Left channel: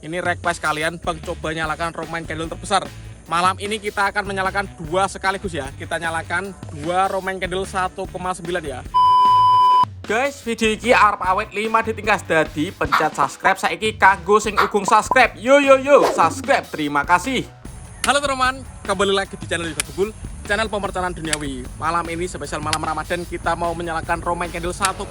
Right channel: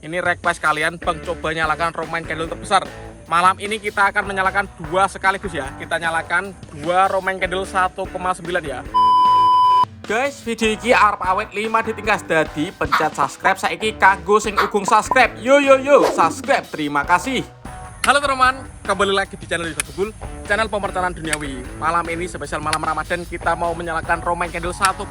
Ini request kalian, Bang, coba nyalakan Romaine candle terbesar. Malam ini kita akan menyalakan dua sekaligus ya. Kita nyalakan dua Romaine candle 1,9 ya. Guys, video ini arep awet 5 ditingkas, dadi pencet subscribe saiki kanggo sing ugung subscribe. Yo subscribe. Terima kasih. Halo teman-teman, kembali lagi di channel Yoga Gebul, channel pemertanan duniawi. Malam ini spesial malam Ramadan, kita mau menyalakan Romaine candle 1,9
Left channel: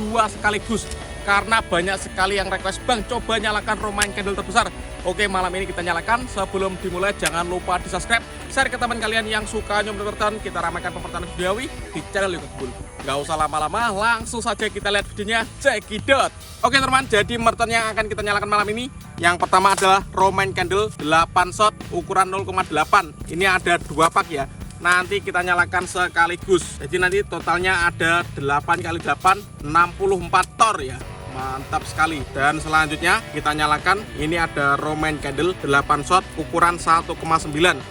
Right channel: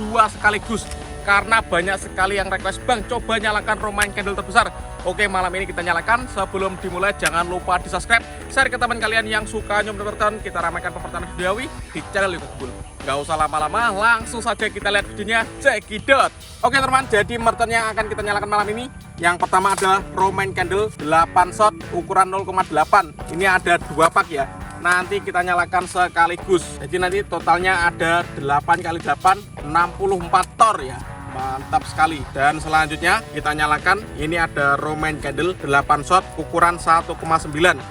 dua sekaligus. Karena banyak sekali yang request, Bang, coba nyalakan Romaine candle terbesar. Oke, malam ini kita nyalakan. Sebelum dimulai, jangan lupa di subscribe, share ke teman kalian yang suka nyomot-nyomotan. Kita ramaikan pemertanan duniawi di channel Yoga Gebul. Gak usah lama-lama, langsung saja kita lihat videonya. Cekidot. Oke teman, jadi merton yang akan kita nyalakan malam ini, yang pertama adalah Romaine candle 8 shot ukuran 0,8. Ini ada dua pak ya. Nanti kita nyalakan sekaligus. Jadi nanti totalnya ada 8 kali 8, 64 tor ya. Mantap sekali. Dan selanjutnya kita nyalakan, ini ada Romaine candle 8 shot ukuran 1,9.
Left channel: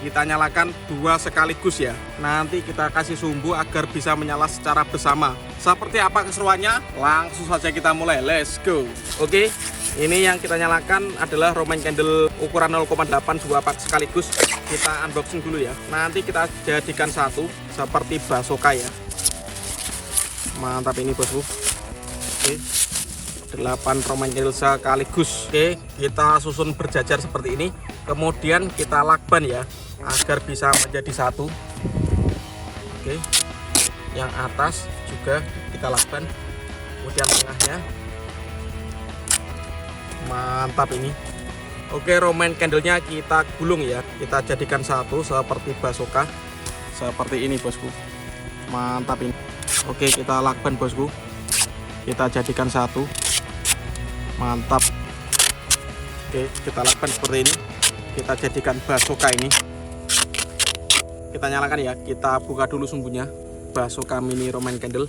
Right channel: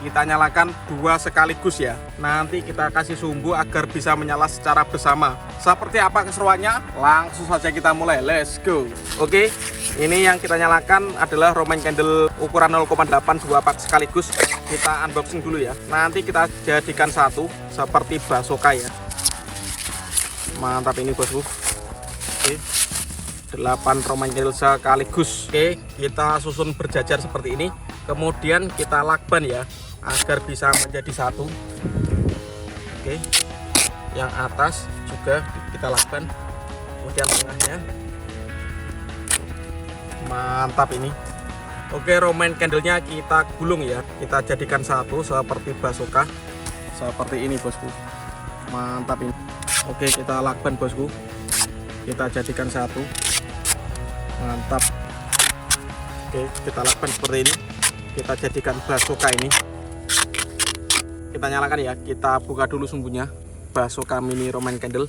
Kita nyalakan dua sekaligus ya. Nanti kita kasih sumbu agar bisa menyala secara bersama. Seperti apa keseruannya? Langsung saja kita mulai. Let's go. Oke, ini yang kita nyalakan adalah Romaine candle ukuran 0,8 dua pak sekaligus. Kita unboxing dulu ya. Nanti kita jadikan satu seperti basoka ya. Mantap ini bosku. Oke, 8 Romaine candle sekaligus. Oke, kita susun berjajar seperti ini. Kemudian kita lakban ya, agar bisa menjadi satu. Oke, yang atas juga kita lakban, kemudian tengahnya. Mantap ini. Oke, Romaine candlenya kita gulung ya, kita jadikan satu seperti basoka. Seperti ini bosku. Mantap ini. Oke, kita lakban bosku, kita jadikan satu. Mantap. Oke, kita lakban seperti ini. Kita jadikan basoka ini. Kita nyalakan ya, kita buka dulu sumbunya. Basoka mini Romaine candle.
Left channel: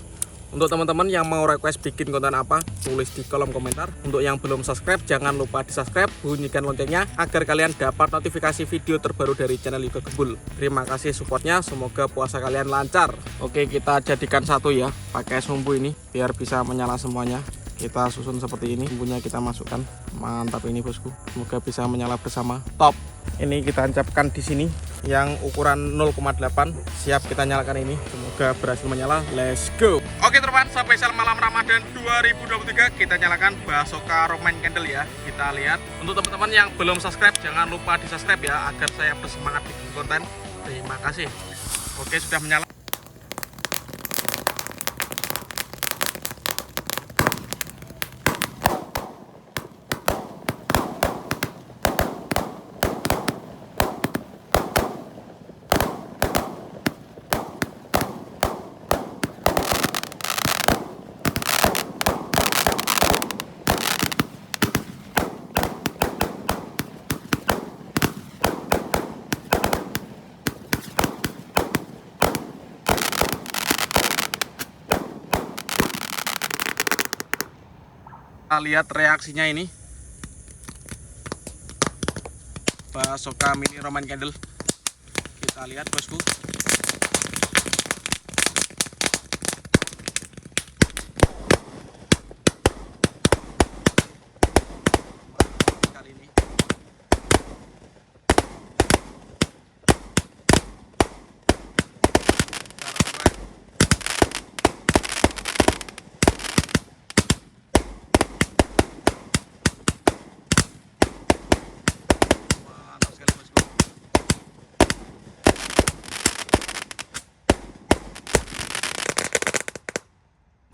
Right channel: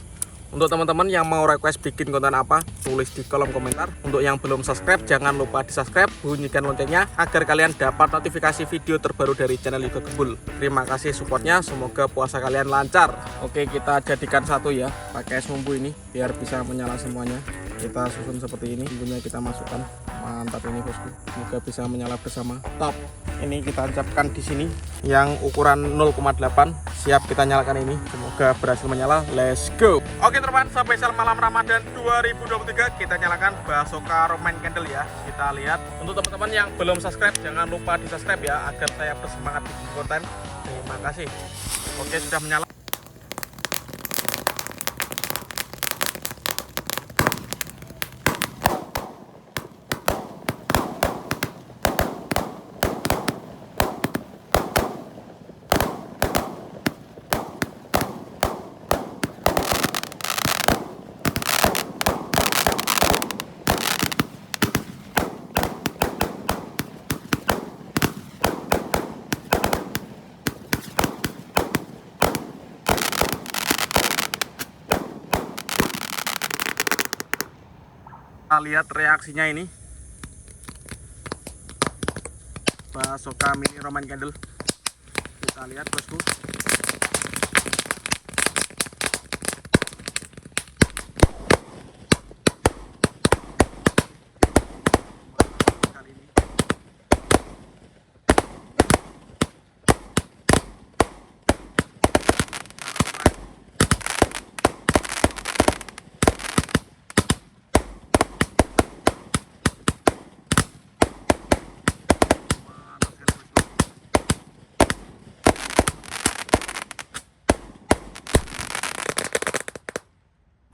Untuk teman-teman yang mau request bikin konten apa, tulis di kolom komentar. Untuk yang belum subscribe, jangan lupa di subscribe, bunyikan loncengnya agar kalian dapat notifikasi video terbaru dari channel Yoga Gebul. Terima kasih supportnya, semoga puasa kalian lancar. Oke, kita jadikan satu ya, pakai sumbu ini biar bisa menyala semuanya. Kita susun seperti ini, sumbunya kita masukkan. Mantap ini bosku, semoga bisa menyala bersama. Top. Ini kita tancapkan di sini yang ukuran 0,8. Siap kita nyalakan ini, semoga berhasil menyala. Let's go. Oke teman, spesial malam Ramadan 2023 kita nyalakan basoka Romaine candle ya. Kita lihat. Untuk teman-teman yang belum subscribe, jangan lupa di subscribe ya, agar saya bersemangat bikin konten. Terima kasih. Oke, sudah menyala. Kita lihat reaksinya ini, basoka mini Romaine candle. Kita lihat bosku. Kali ini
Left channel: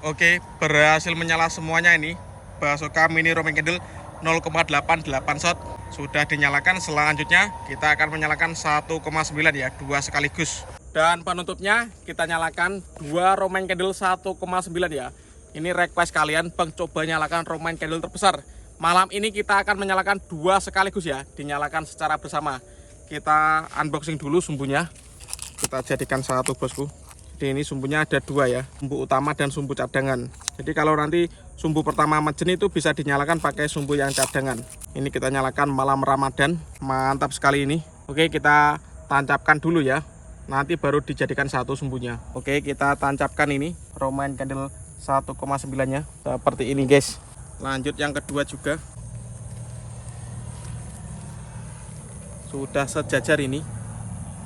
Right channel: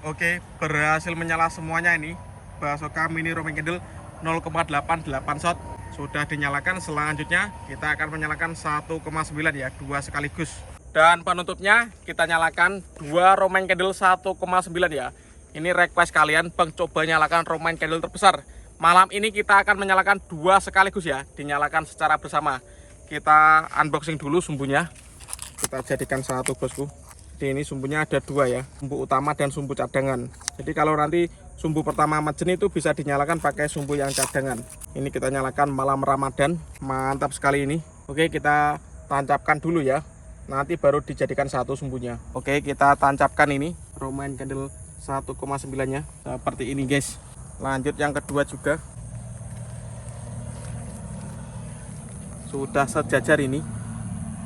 oke, berhasil menyala semuanya ini. Basoka mini Romaine candle 0,88 shot sudah dinyalakan. Selanjutnya kita akan menyalakan 1,9 ya, dua sekaligus. Dan penutupnya kita nyalakan dua Romaine candle 1,9 ya. Ini request kalian, Bang, coba nyalakan Romaine candle terbesar. Malam ini kita akan menyalakan dua sekaligus ya, dinyalakan secara bersama. Kita unboxing dulu sumbunya. Kita jadikan satu bosku. Jadi ini sumbunya ada dua ya, sumbu utama dan sumbu cadangan. Jadi kalau nanti sumbu pertama majen itu bisa dinyalakan pakai sumbu yang cadangan. Ini kita nyalakan malam Ramadan. Mantap sekali ini. Oke, kita tancapkan dulu ya, nanti baru dijadikan satu sumbunya. Oke, kita tancapkan ini Romaine candle 1,9 nya seperti ini guys. Lanjut yang kedua juga. Sudah sejajar ini.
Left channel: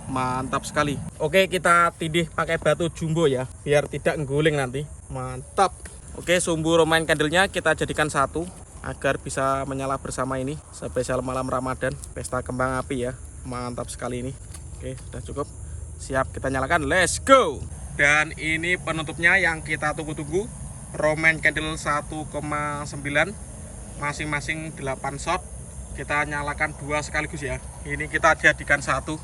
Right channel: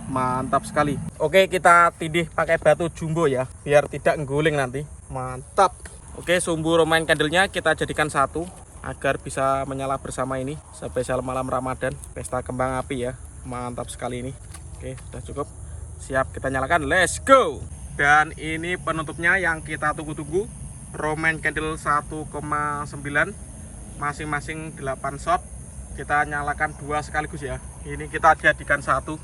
Mantap sekali. Oke, kita tindih pakai batu jumbo ya, biar tidak ngguling nanti. Mantap. Oke, sumbu romaine candle-nya kita jadikan satu agar bisa menyala bersama ini. Spesial malam Ramadan, pesta kembang api ya. Mantap sekali ini. Oke, sudah cukup. Siap kita nyalakan. Let's go. Dan ini penutupnya yang kita tunggu-tunggu. Romaine candle 1,9, masing-masing 8 shot. Kita nyalakan 2 sekaligus ya. Ini kita jadikan satu.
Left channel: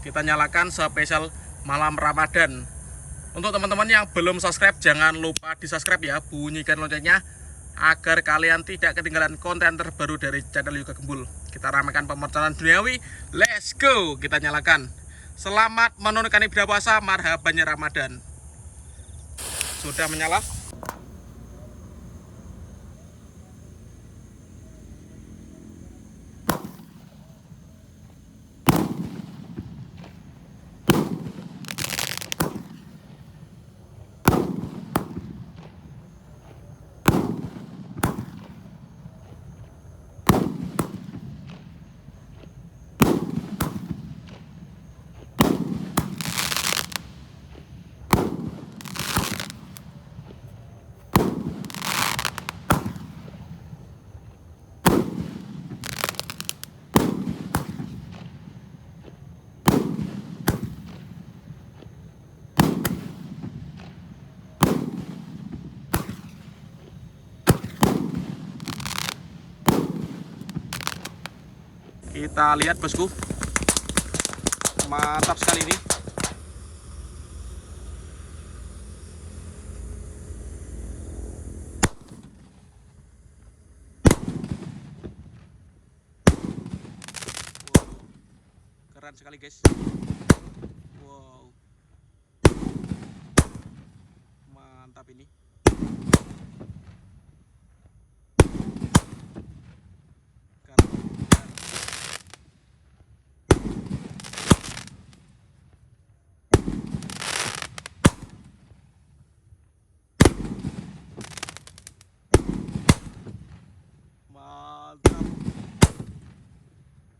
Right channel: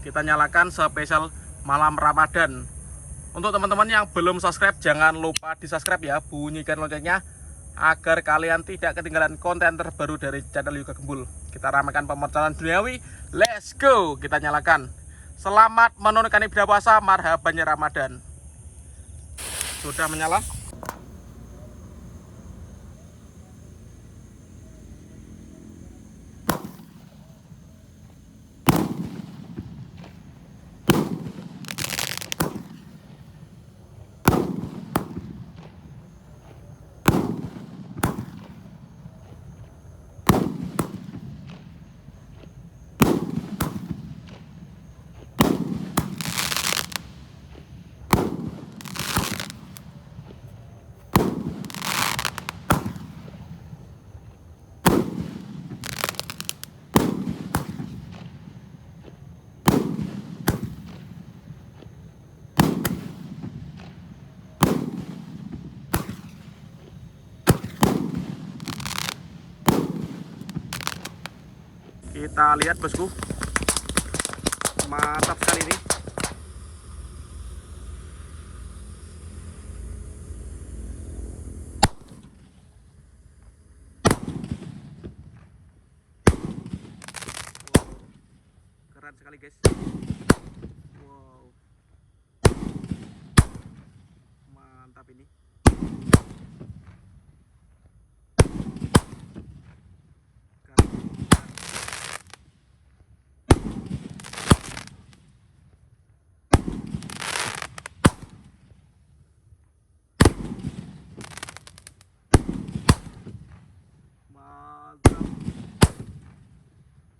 Kita nyalakan spesial malam Ramadan. Untuk teman-teman yang belum subscribe, jangan lupa di subscribe ya, bunyikan loncengnya agar kalian tidak ketinggalan konten terbaru dari channel Yoga Gembul. Kita ramaikan pemercayaan duniawi. Let's go. Kita nyalakan. Selamat menunaikan ibadah puasa, marhabannya Ramadan. Sudah menyala. Kita lihat bosku, mantap sekali ini. Keren sekali guys. Wow, mantap ini.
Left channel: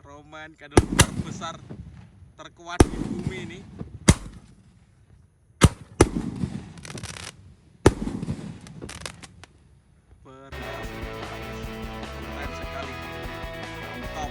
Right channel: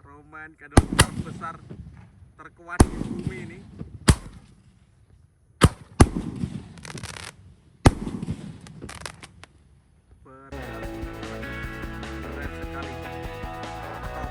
Romaine candle terbesar terkuat di bumi ini. Keren sekali. Top.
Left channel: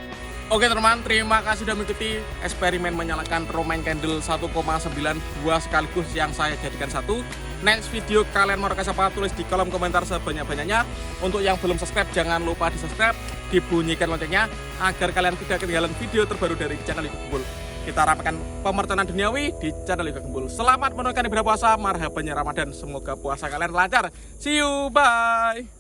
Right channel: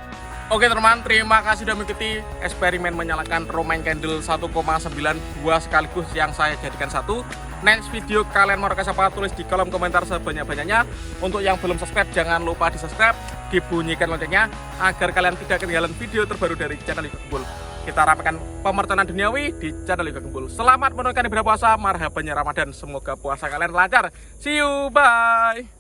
Oke teman-teman, terima kasih sudah mengikuti eksperimen menyalakan romaine candle 1,9 2 sekaligus yang saya jadikan satu. Next video kalian mau rekas apa, tulis di kolom komentar sebanyak-banyaknya. Untuk yang belum subscribe, jangan lupa di subscribe, dibunyikan loncengnya agar kalian tidak ketinggalan video terbaru dari channel Yoga Gembul. Kita ramaikan pemercayaan duniawi di channel Yoga Gembul. Selamat menunaikan ibadah puasa, marhabannya Ramadan. Semoga puasa kalian lancar. See you, bye.